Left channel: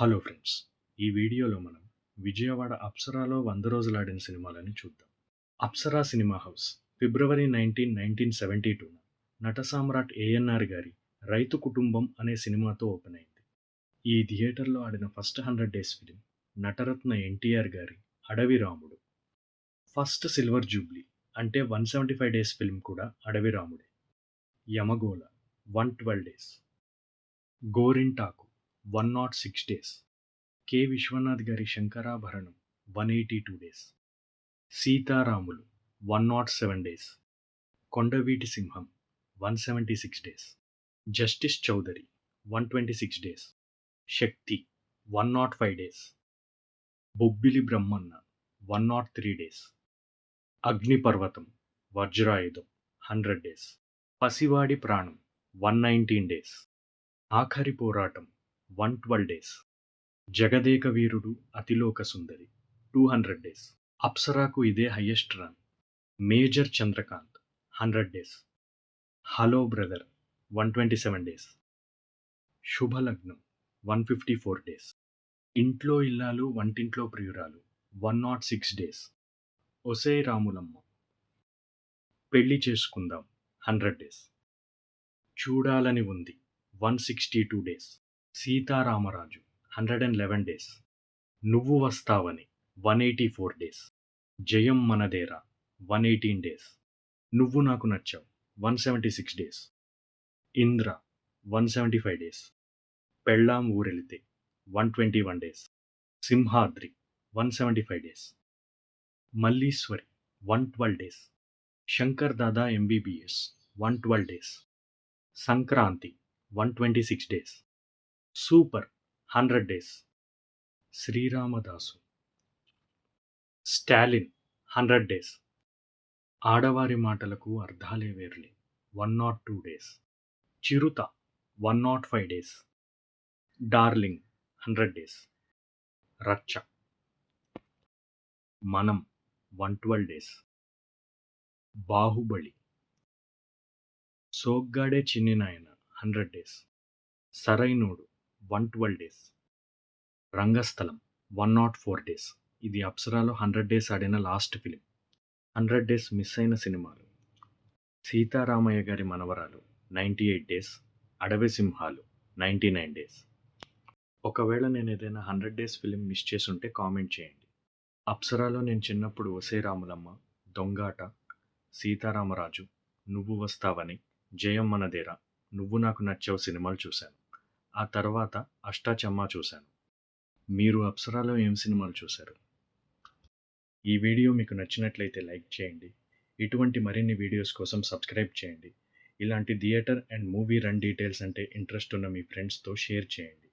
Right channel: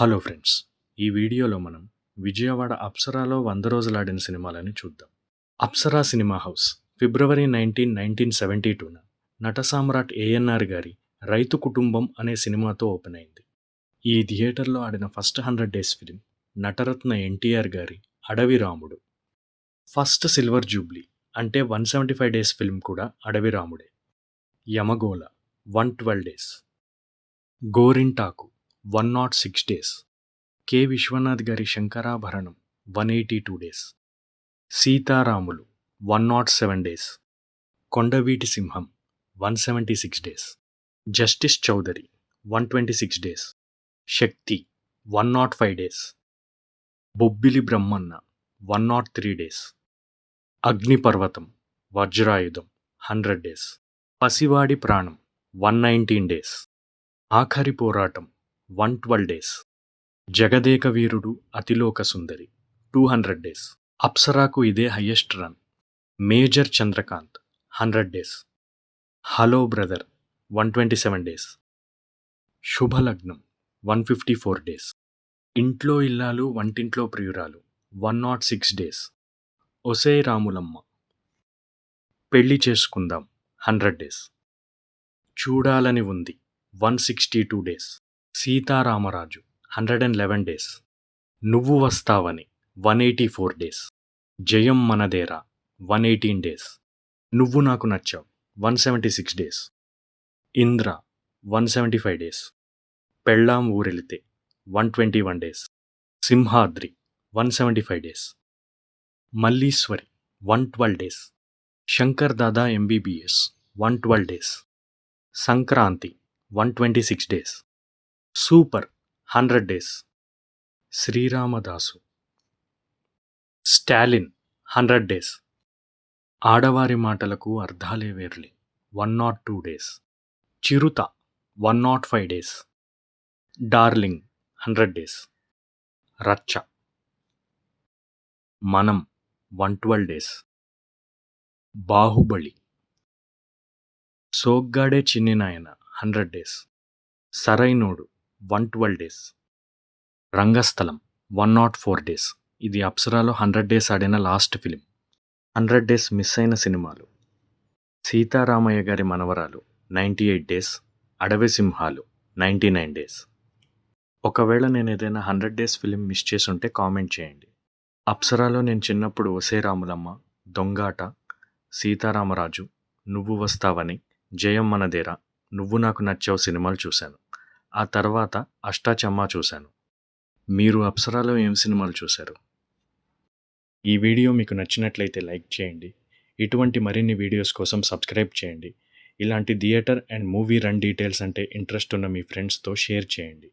Hello friends! ఈ వీడియోలో మనం విజయవాడ అప్సరాలో 100 రోజులాడిన సినిమాలని చూద్దాం. అప్సరా సినిమా హౌస్ ఫిబ్రవరి 19, 1972న నట సామ్రాట్ ఏఎన్నార్ గారి 'రైతు కుటుంబం' అనే సినిమాతో ఓపెన్ అయింది. ఈ థియేటర్లో ఆడిన first 100 days film Nataratna NTR గారి 'అడవి రాముడు'. ఫస్ట్ సిల్వర్ జూబ్లీ అంటే 175 డేస్ ఫిలిం కూడా 'అడవి రాముడే'. Yamagola 112 days. Gorintaku 106 days. K. Viswanath గారి 'Sankarabharanam' 182 days. Seetharamulu 107 days. Kondaveeti Simham 176 days. Justice Chowdary 126 days. Shakti 105 days. Bobbili Brahmanna 103 days. Agniparvatham Vajrayudham 100 days. పసివాడి ప్రాణం 119 డేస్. ఆఖరి పోరాటం 112 డేస్. జగదేక వీరుడు అతిలోక సుందరి 200 డేస్. అప్సరాకు ఇదే highest run. Major Chandrakanth 100 days. Hello brother 127 days. Subhalagnam 154 days. ఇంట్లో ఇల్లాలు వంటింట్లో ప్రియురాలు 106 డేస్. ఒసేయ్ రాములమ్మ పెళ్లి చేసుకుందాం 100 డేస్. చూడాలని ఉంది 162 డేస్. సీతారామరాజు 111 డేస్. నువ్వు వస్తావని 184 డేస్. జయం మనదేరా 118 డేస్. నువ్వు నాకు నచ్చావు 176 days. Indra 175 days. Pellam Oorelithe 121 days. Simhadri 175 days. Malliswari 112 days. Shankar Dada MBBS 112 days. Sankranthi 126 days. Super 100 days. Sriramadasu. Stalin 100 days. ఆడవారి మాటలకు అర్థాలే వేర్లే 102 days. Chirutha 105 days. Darling 100 days. Racha. Manam 112 days. Baahubali. Soggade Chinni Nayana 100 days. Sarrainodu 112 days. Rangasthalam 104 days. ఇది అప్సరాలో 100 డేస్ ఆడిన లాస్ట్ ఫిలిం. 100 డేస్ మిస్ అయిన సినిమాలు: సీతారామయ్య గారి మనవరాలు 98 డేస్. అడవి సింహాలు 99 డేస్. ఒకవేళ నేను ఏదైనా 100 డేస్ ఫిలిం మిస్ చేసుంటే కామెంట్ చేయండి. అప్సరాలో నేను చిన్నప్పుడు ఒసే రాములమ్మ, దొంగాట, సీతారామరాజు, నువ్వు వస్తావని, జయం మనదేరా, నువ్వు నాకు నచ్చావు సినిమాలు చూశాను. ఆ తర్వాత అష్టాచమ్మా చూశాను. మీరు అప్సరాలో ఏం సినిమాలు చూశారు? ఈ వీడియో మీకు నచ్చినట్లయితే లైక్ చేయండి. ఇటువంటి మరిన్ని వీడియోస్ కోసం సబ్స్క్రైబ్ చేయండి. ఇలాంటి theatre and movie run details అంటే ఇంట్రెస్ట్ ఉన్న మీ ఫ్రెండ్స్తో షేర్ చేయండి.